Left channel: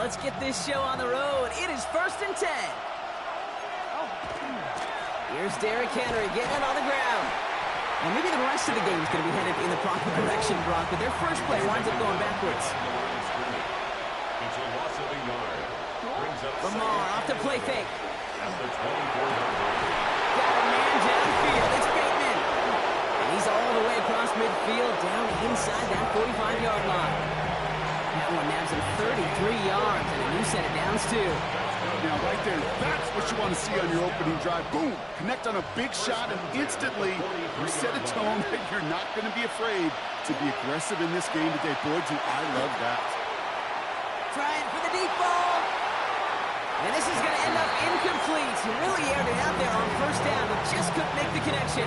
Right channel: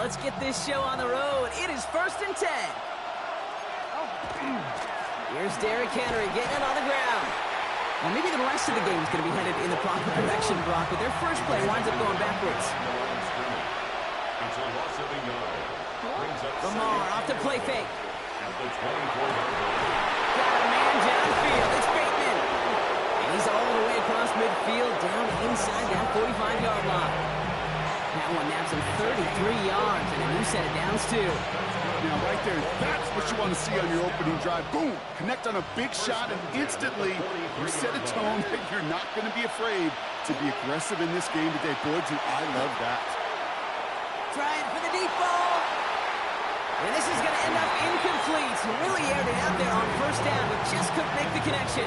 let's get this show on the road. It is 1st and 10. Here's Derrick Henry getting it on the ground. Well, maybe the rest of the game is going to be headed in the proper direction, Brock, but their first play winds up going backwards. It's a loss of a yard. Lamar off the play fake. At the 24-yard line. Got a man downfield. It's Bateman. And he's all the way across midfield, down inside that 45-yard line. That one nabs him 33 yards and a new set of downs, too. Now, right there, that's what you want to see on your opening drive. Boom! Connect on a big shot, and instantly you set a tone that you're not going to be afraid to be aggressive in this game today. Boy, do I love that. Trying for the deep ball. And this is going to end up incomplete. He really aired it out there on first down, but just couldn't make the connection.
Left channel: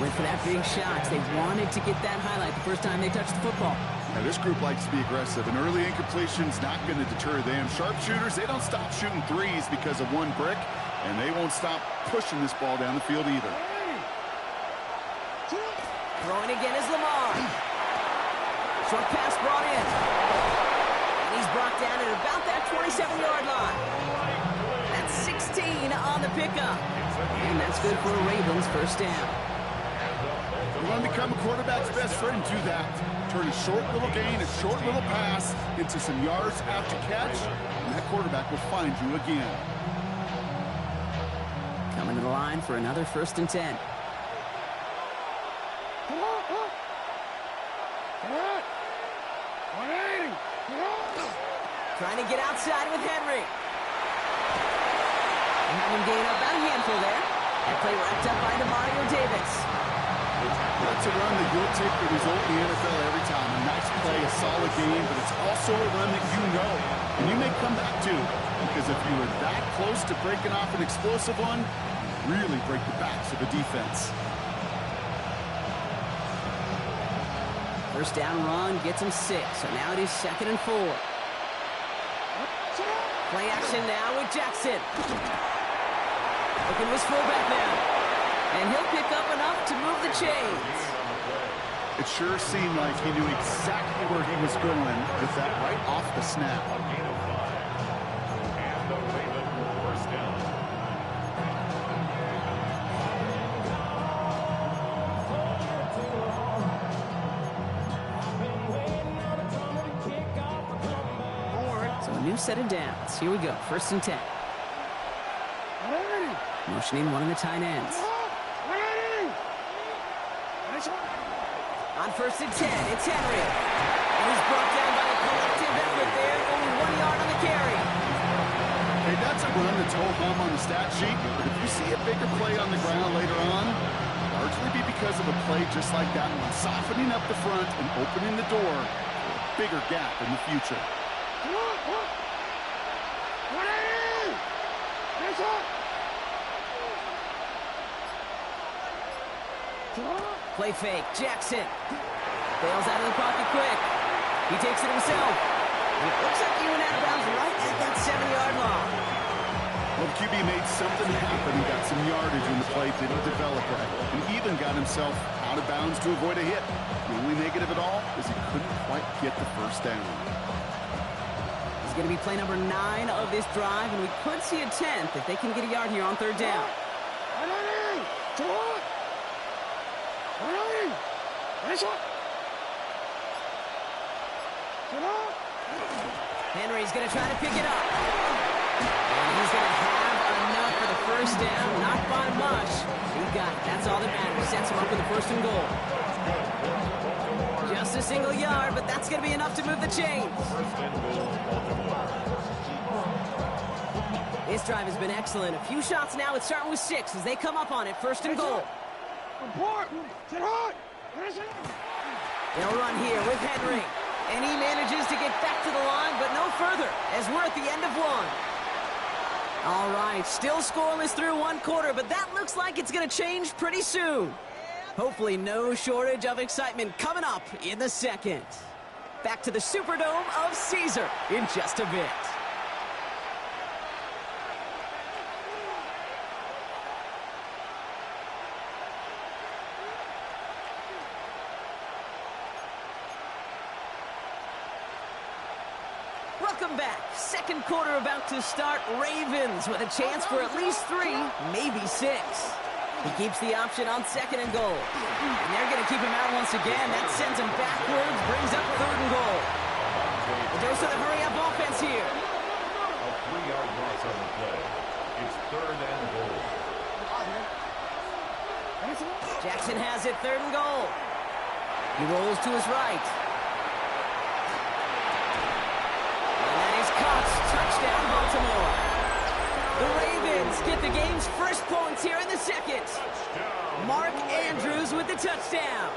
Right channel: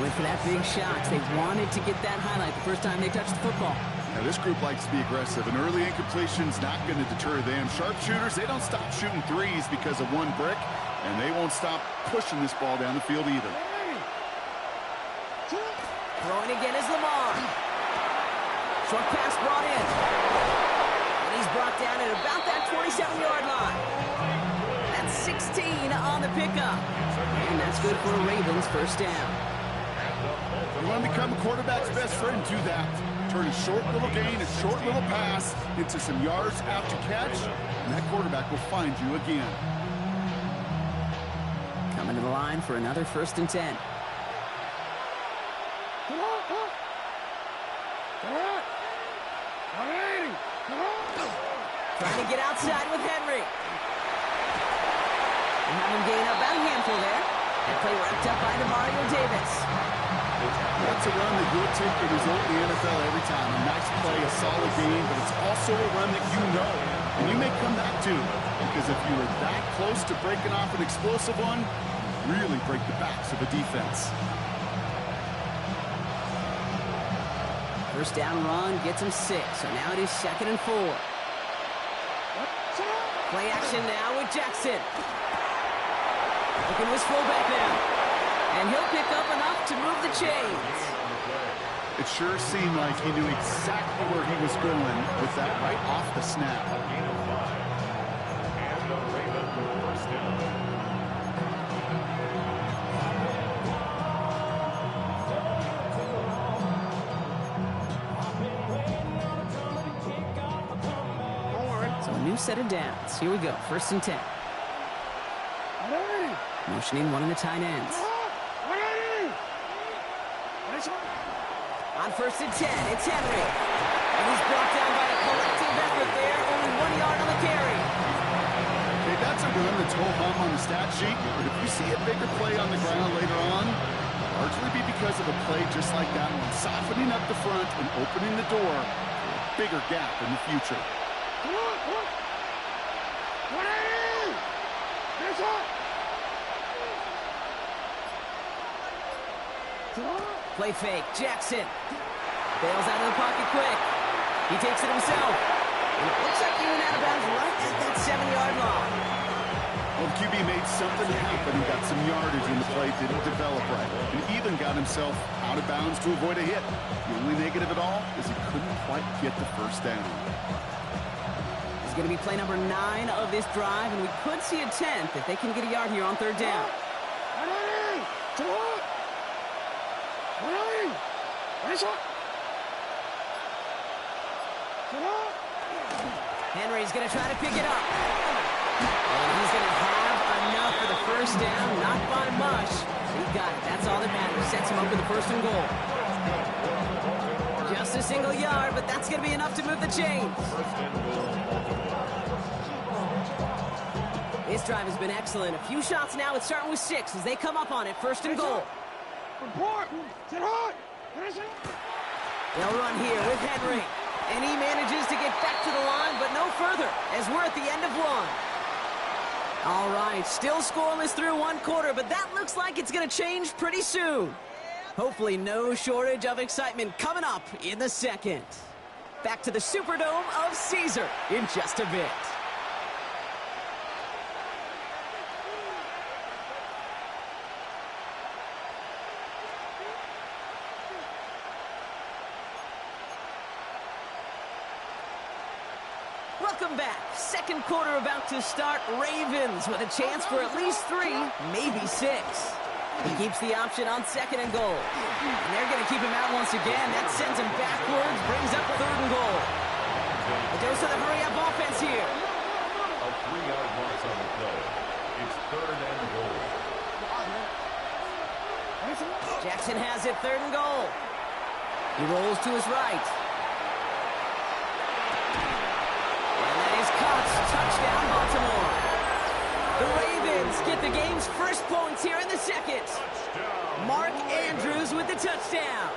Went for that big shot. They wanted to get that highlight the first time they touched the football. Now, this group likes to be aggressive, and early incompletion's not going to deter them. Sharpshooters, they don't stop shooting threes because of one brick, and they won't stop pushing this ball down the field either. Throwing again is Lamar. Short pass brought in. And he's brought down at about that 27-yard line. That's 16 on the pickup. And that's good for a Ravens first down. You want to become a quarterback's best friend, do that. Turn a short little gain, a short little pass into some yards after catch, and that quarterback will find you again. Coming to the line for another 1st and 10. Trying to get outside with Henry. And have him gain up about a handful there. That play wrapped up by DeMario Davis. That's a run that you'll take the result in the NFL every time. A nice play, a solid game, but it's also a run that you know, and you may come back to, because if you were that close to breaking off an explosive one, you really break the backs of a defense. First down run gets him 6, so now it is 2nd and 4. Play action now with Jackson. Looking to his fullback now. And he'll pick up enough to move the chains. It sure seemed like he knew exactly where he was going with that right off the snap. A gain of 5. And the Raven first down. So a new set of downs. Here we go. 1st and 10. Motioning one of the tight ends. On 1st and 10, it's Henry. And he's brought down by a collective effort there. Only 1 yard on the carry. Okay, that's a run that's ho-hum on the stat sheet, but if you see a bigger play on the ground later on, it'll largely be because of a play just like that one, softening up the front and opening the door for a bigger gap in the future. Play fake. Jackson bails out of the pocket quick. He takes it himself. And it looks like he went out of bounds right at that 7-yard line. Well, the QB made something happen and got some yardage when the play didn't develop right. And even got himself out of bounds to avoid a hit. The only negative at all is he couldn't quite get the first down. This is going to be play number 9 of this drive, and we could see a 10th if they can get a yard here on 3rd down. Henry's going to try to pick it up. And he's going to have enough for the first down. Not by much. He got it. That's all that matters. Sets him up with the 1st and goal. Just a single yard, but that's going to be enough to move the chains. 1st and goal, Baltimore. This drive has been excellent. A few shots now. It's starting with 6 as they come up on it. 1st and goal. They'll run here with Henry. And he manages to get back to the line, but no further, as we're at the end of 1. All right, still scoreless through 1 quarter, but that looks like it's going to change pretty soon. Hopefully no shortage of excitement coming up in the 2nd. Back to the Superdome of Caesar in just a bit. Welcome back. Second quarter about to start. Ravens with a chance for at least 3, maybe 6. He keeps the option on 2nd and goal. And they're going to keep him out once again. That sends him backwards, brings up 3rd and goal. A dose of the hurry-up offense here. A 3-yard loss on the play. It's 3rd and goal. Jackson has it, 3rd and goal. He rolls to his right. And that is caught. Touchdown, Baltimore. The Ravens get the game's first points here in the second. Touchdown. Mark Andrews with the touchdown.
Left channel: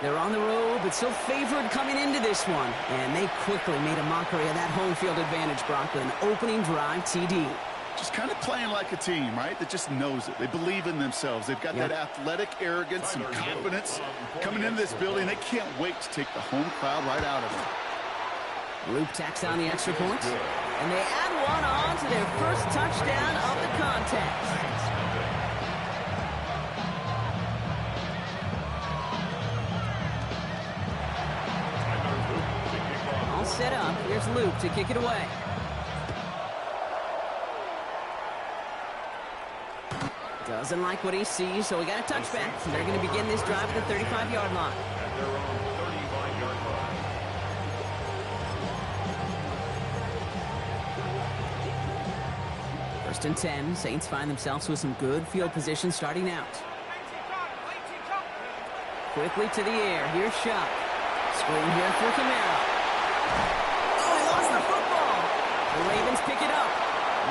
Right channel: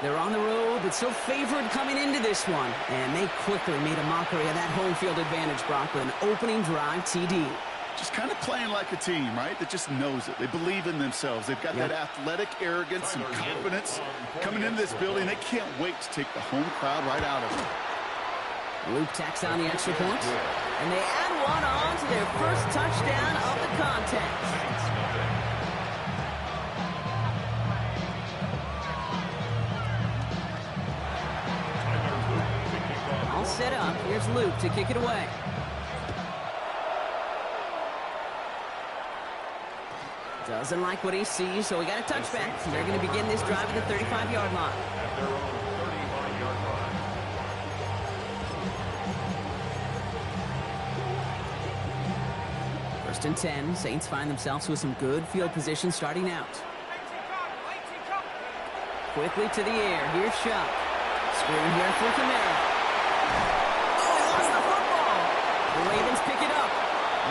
They're on the road, but still favored coming into this one. And they quickly made a mockery of that home field advantage, Brock, with an opening drive TD. Just kind of playing like a team, right? That just knows it. They believe in themselves. They've got that athletic arrogance and confidence coming into this building. They can't wait to take the home crowd right out of it. Loop tacks on the extra point. And they add one on to their first touchdown of the contest. All set up. Here's Luke to kick it away. Doesn't like what he sees, so we got a touchback. So they're going to begin this drive at the 35-yard line. At their own 35-yard line. First and 10. Saints find themselves with some good field position starting out. Quickly to the air. Here's Shuck. Screen here for Kamara. Oh, he lost the football. The Ravens pick it up.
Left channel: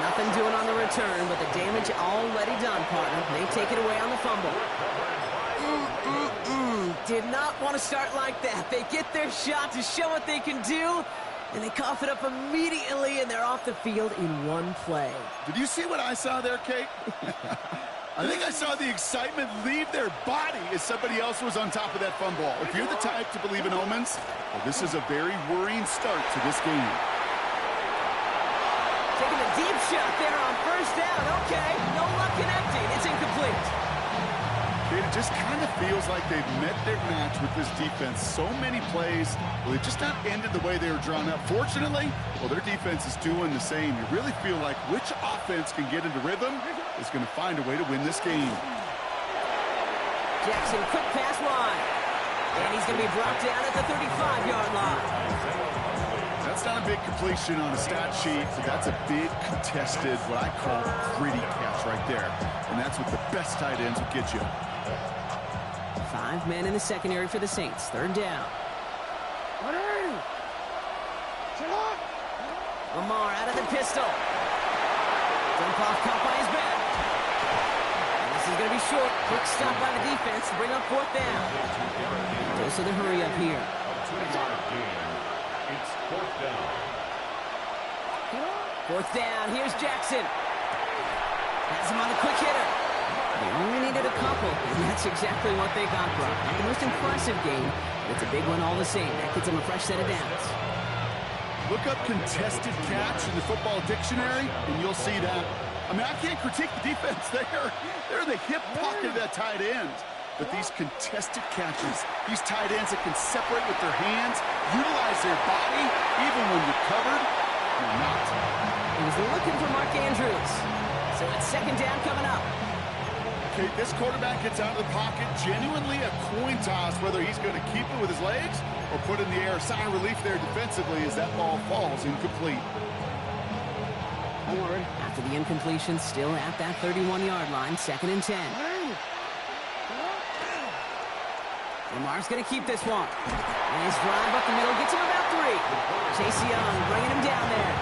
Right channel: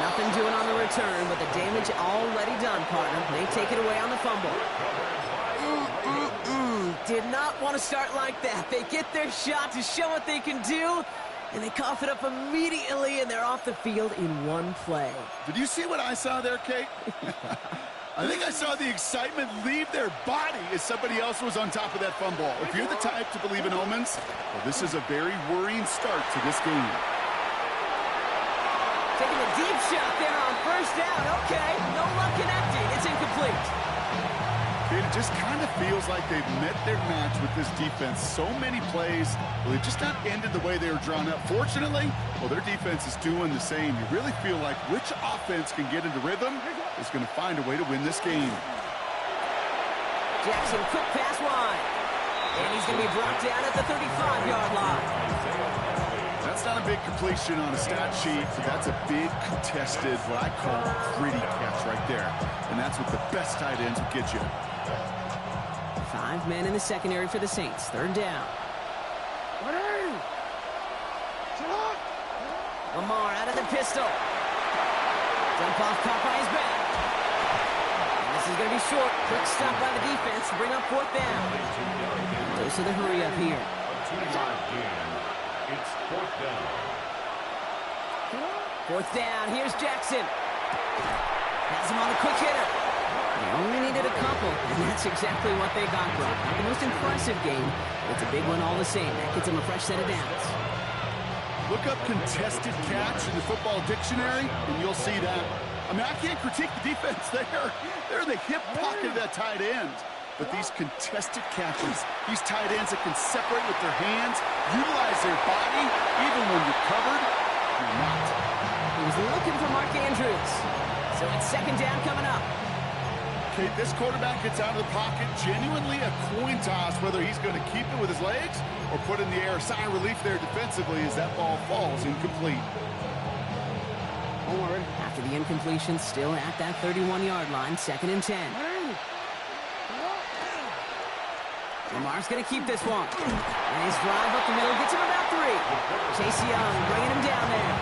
Nothing doing on the return, but the damage already done, partner. They take it away on the fumble. Did not want to start like that. They get their shot to show what they can do, and they cough it up immediately, and they're off the field in one play. Did you see what I saw there, Kate? I think I saw the excitement leave their body as somebody else was on top of that fumble. If you're the type to believe in omens, well, this is a very worrying start to this game. Taking a deep shot there on first down. Okay, no luck connecting. It's incomplete. Kate, it just kind of feels like they've met their match with this defense. So many plays, well, they've just not ended the way they were drawn up. Fortunately, well, their defense is doing the same. You really feel like which offense can get into rhythm is going to find a way to win this game. Jackson, quick pass wide. And he's going to be brought down at the 35-yard line. That's not a big completion on a stat sheet, but that's a big contested, what I call gritty catch right there. And that's what the best tight ends will get you. 5 men in the secondary for the Saints. 3rd down. Lamar out of the pistol. Dump off, caught by his back. And this is going to be short. Quick stop by the defense to bring up 4th down. Dose of the hurry up here. A 2-yard gain. It's 4th down. 4th down. Here's Jackson. Has him on the quick hitter. They only needed a couple, and that's exactly what they got, Brock. Not the most impressive game, but it's a big one all the same. That gets them a fresh set of downs. Look up contested catch in the football dictionary, and you'll see that. I mean, I can't critique the defense there. They're in the hip pocket of that tight end. But these contested catches, these tight ends that can separate with their hands, utilize their body, even when you're covered, you're not. He was looking for Mark Andrews. So it's 2nd down coming up. Okay, this quarterback gets out of the pocket, genuinely a coin toss, whether he's going to keep it with his legs or put in the air. Sigh of relief there defensively as that ball falls incomplete. After the incompletion, still at that 31-yard line, 2nd and 10. Lamar's going to keep this one. And his drive up the middle gets him about 3. Chase Young bringing him down there.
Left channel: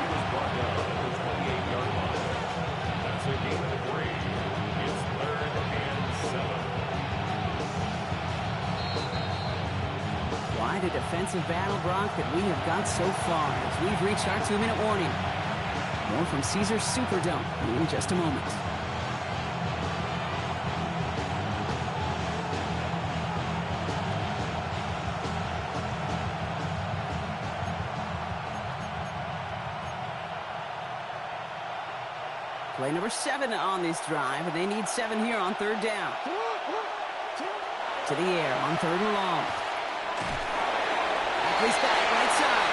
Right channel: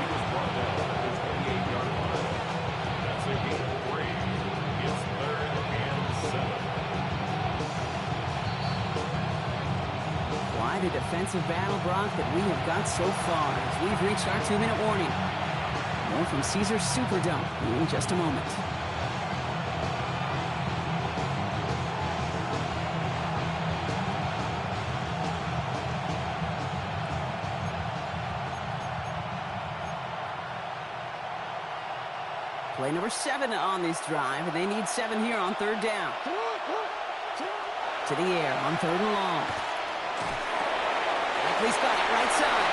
He was brought down at the 28-yard line. That's a gain of 3. It's 3rd and 7. Quite a defensive battle, Brock, that we have got so far as we've reached our 2-minute warning. More from Caesars Superdome in just a moment. Play number 7 on this drive, and they need 7 here on 3rd down. To the air on 3rd and long. Likely's got it right side.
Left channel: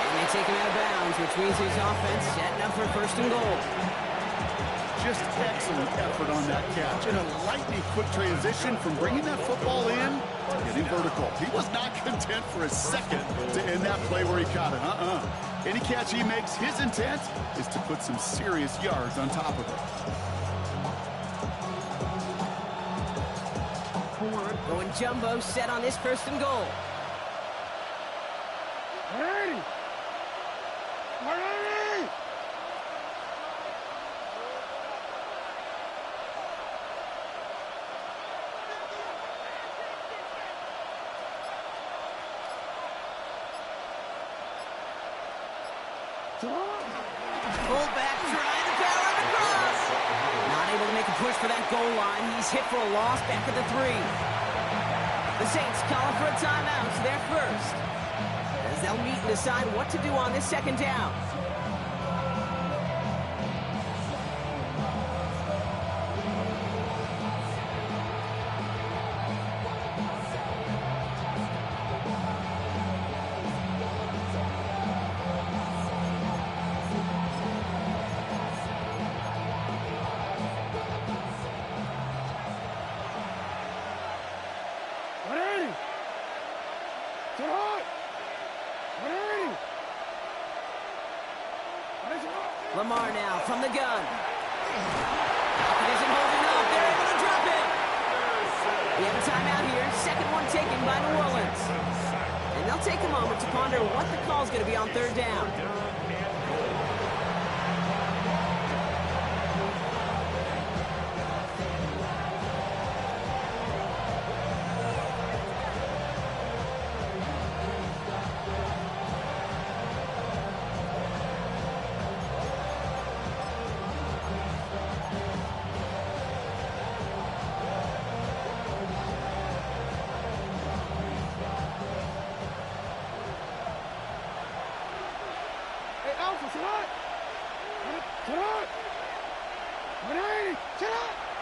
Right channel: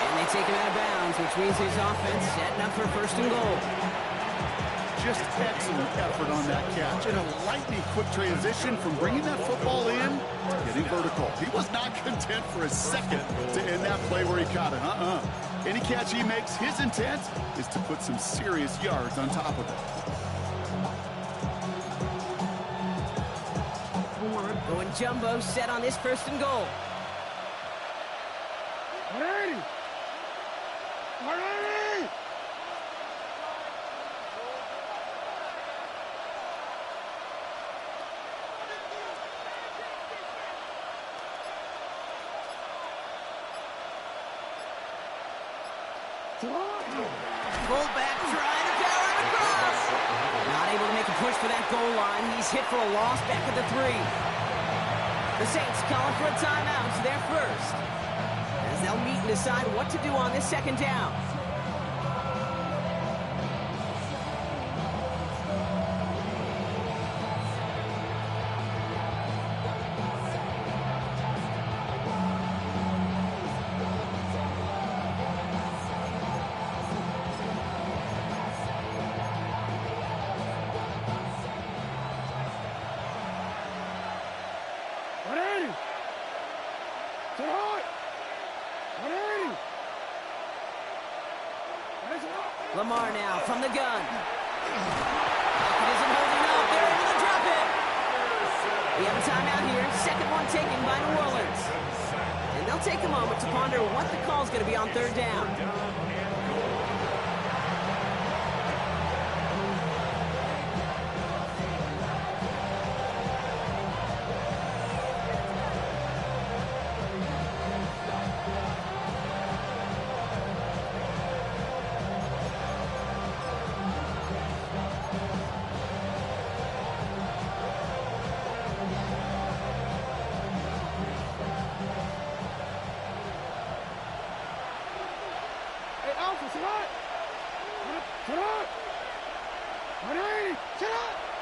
And they take him out of bounds, which means his offense setting up for first and goal. Just excellent effort on that catch and a lightning quick transition from bringing that football in to getting vertical. He was not content for a second to end that play where he caught it. Any catch he makes, his intent is to put some serious yards on top of it. Going jumbo set on this first and goal. Fullback trying to power him across. Not able to make a push for that goal line. He's hit for a loss back at the 3. The Saints calling for a timeout. They're first, as they'll meet and decide what to do on this second down. Lamar now from the gun. It isn't holding up. They're able to drop it. We have a timeout here. Second one taken by New Orleans. And they'll take a moment to ponder what the call's going to be on third down.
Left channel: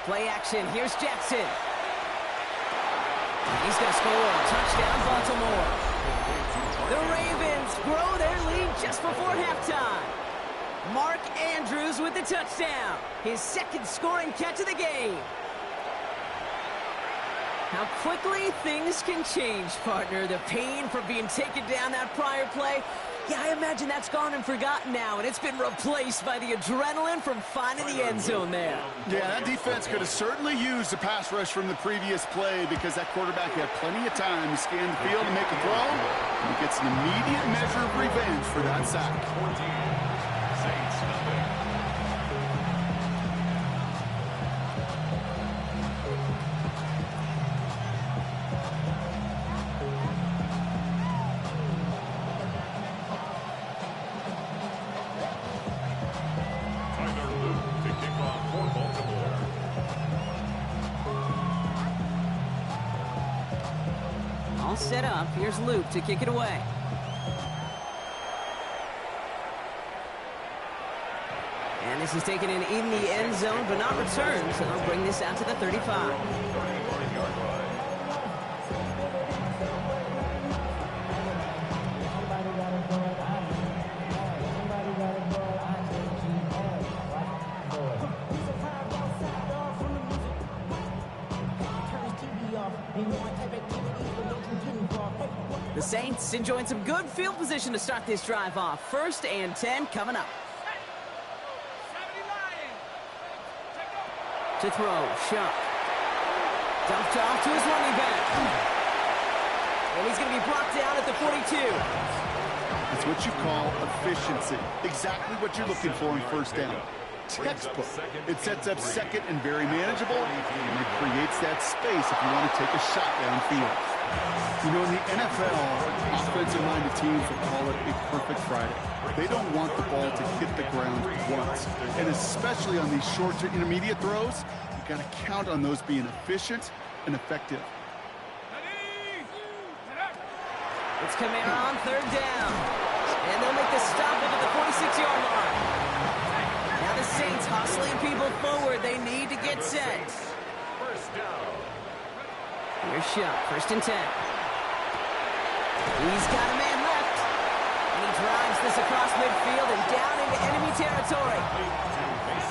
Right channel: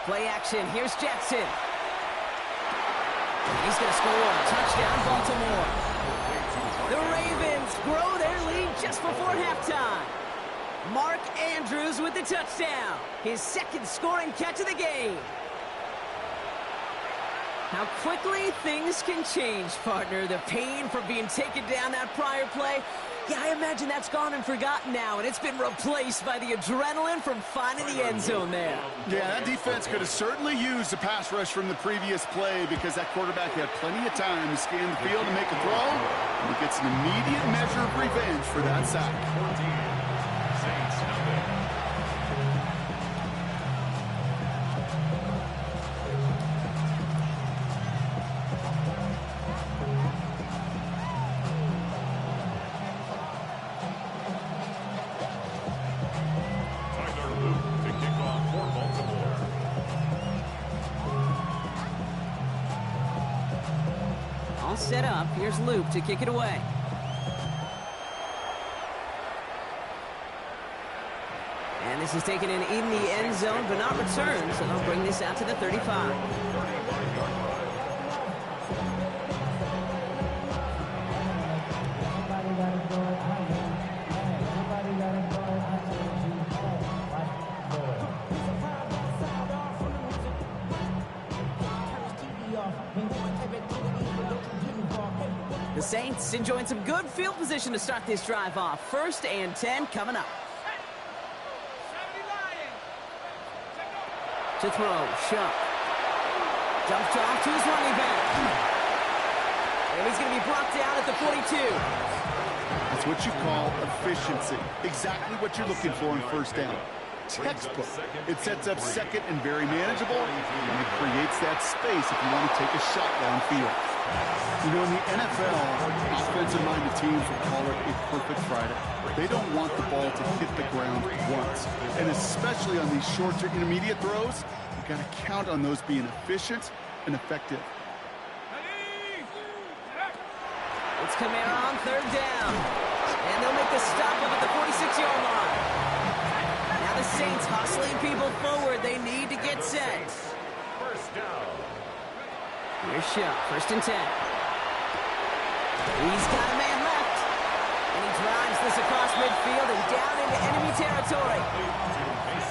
Play action. Here's Jackson. He's going to score. Touchdown, Baltimore. The Ravens grow their lead just before halftime. Mark Andrews with the touchdown. His second scoring catch of the game. How quickly things can change, partner. The pain from being taken down that prior play. Yeah, I imagine that's gone and forgotten now, and it's been replaced by the adrenaline from finding the end zone there. Yeah, that defense could have certainly used the pass rush from the previous play because that quarterback had plenty of time to scan the field and make a throw, and he gets an immediate measure of revenge for that sack. 14, Saints nothing. Set up. Here's Luke to kick it away. And this is taken in the end zone, but not returned, so they'll bring this out to the 35. The Saints enjoying some good field position to start this drive off. 1st and 10 coming up. To throw, Shuck. Dumped off to his running back. And he's going to be brought down at the 42. That's what you call efficiency. Exactly what you're looking for in first down. Textbook. It sets up second and very manageable, and it creates that space if you want to take a shot downfield. You know, in the NFL, offensive-minded teams will call it a perfect Friday. They don't want the ball to hit the ground once. And especially on these short to intermediate throws, you've got to count on those being efficient and effective. It's Kamara on third down. And they'll make the stop up at the 46-yard line. Now the Saints hustling people forward. They need to get set. First down. Here's Shuck. 1st and 10. He's got a man left. And he drives this across midfield and down into enemy territory.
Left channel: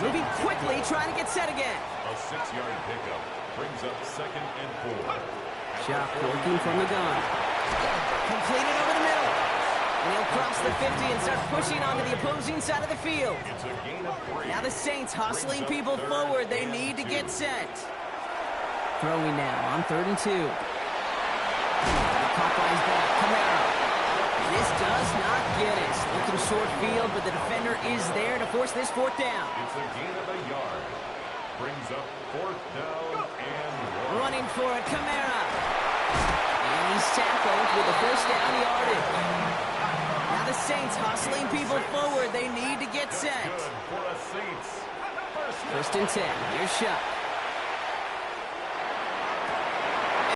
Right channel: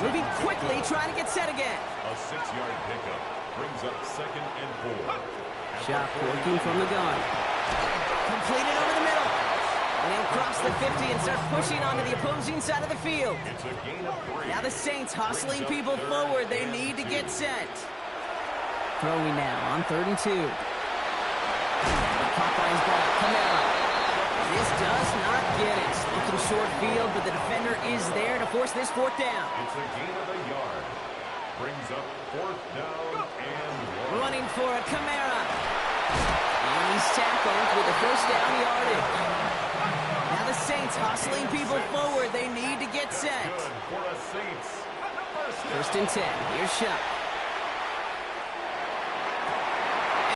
Moving quickly, trying to get set again. A 6-yard pickup brings up 2nd and 4. Shot working from the gun. Completed over the middle. And he'll cross the 50 and start pushing onto the opposing side of the field. It's a gain of 3. Now the Saints hustling people forward. They need to get set. Throwing now on 3rd and 2. Caught by his back, Kamara. This does not get it. Looking short field, but the defender is there to force this 4th down. It's a gain of a yard. Brings up 4th down and 1. Running for it, Kamara. And he's tackled with the 1st down yardage. Now the Saints hustling people forward. They need to get set. Good for the Saints. 1st and 10. Here's Shot.